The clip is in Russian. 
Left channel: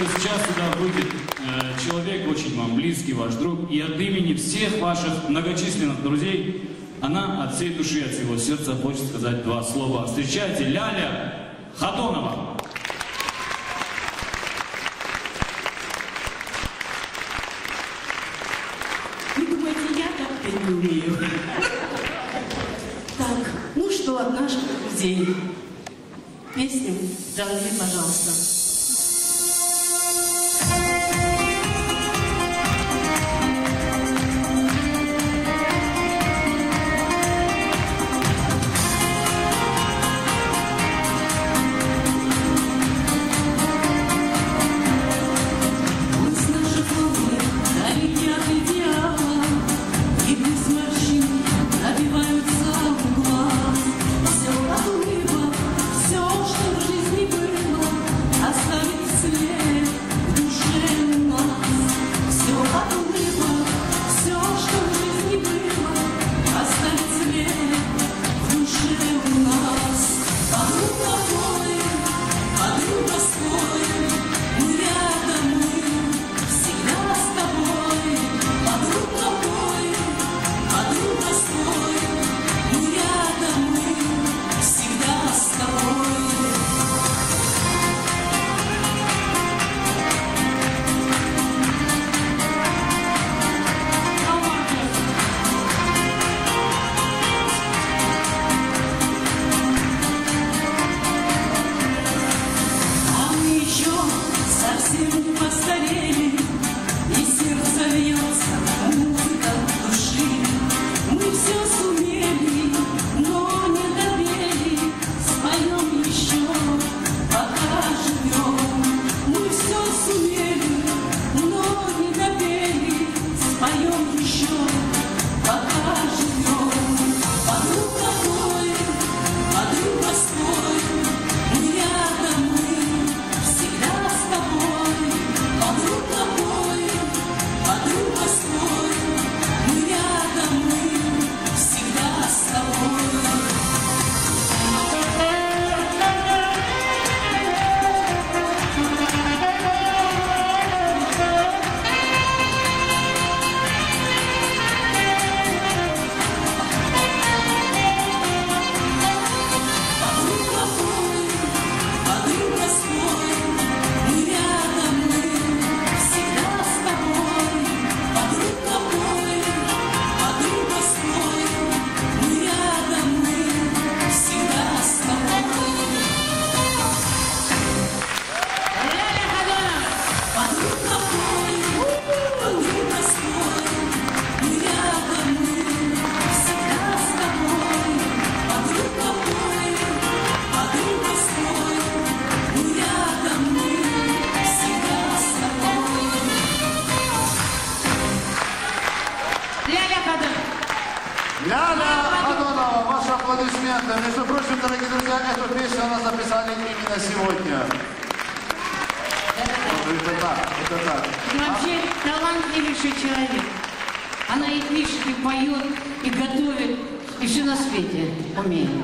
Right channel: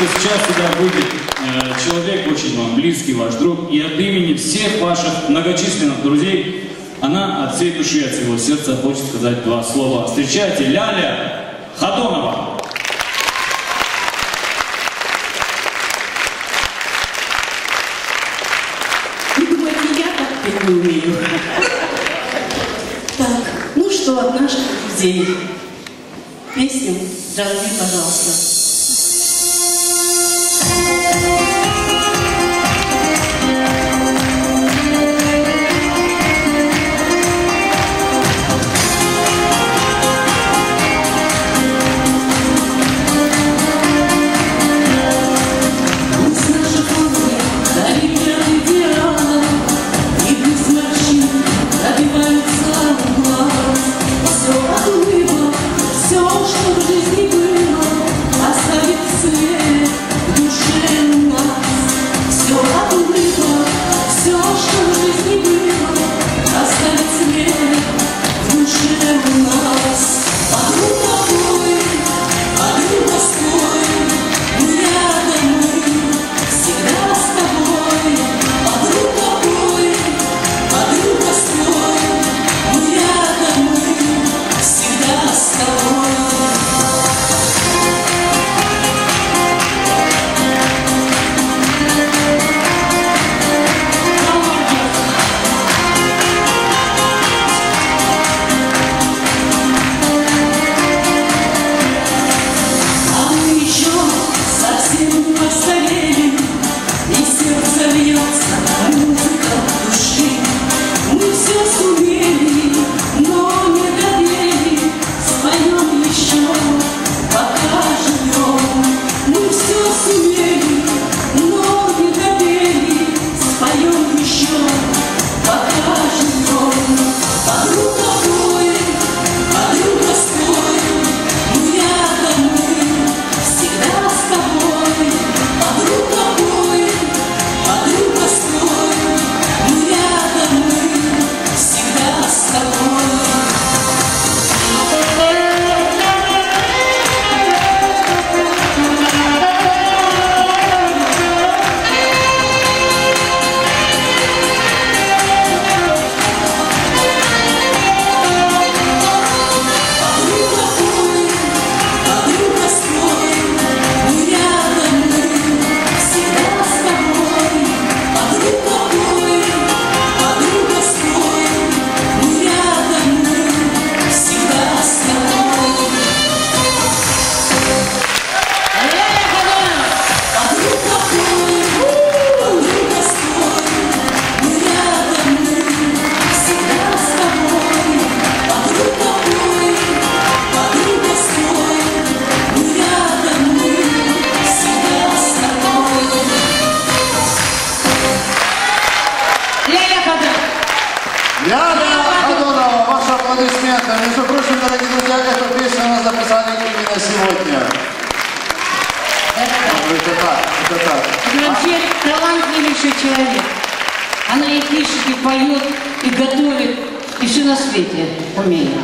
Сейчас сюда выйдет человек, очень вам близкий, ваш друг, и от имени всех ваших многочисленных друзей она от всей души, от всего сердца хочет сказать два слова. Встречайте, Ляля Ходонова. Вы думаете, я так петь не умею? Так, ну что, от наших друзей. Песню Джанвир, пожалуйста. Ляля Ходонова, ваши аплодисменты. Между прочим, дорогие друзья, эту песню у нас записали именно сегодня. Это так. Это вообще талантливейший человек. Она и пишет, и поет, и готовит, и все на свете умеет.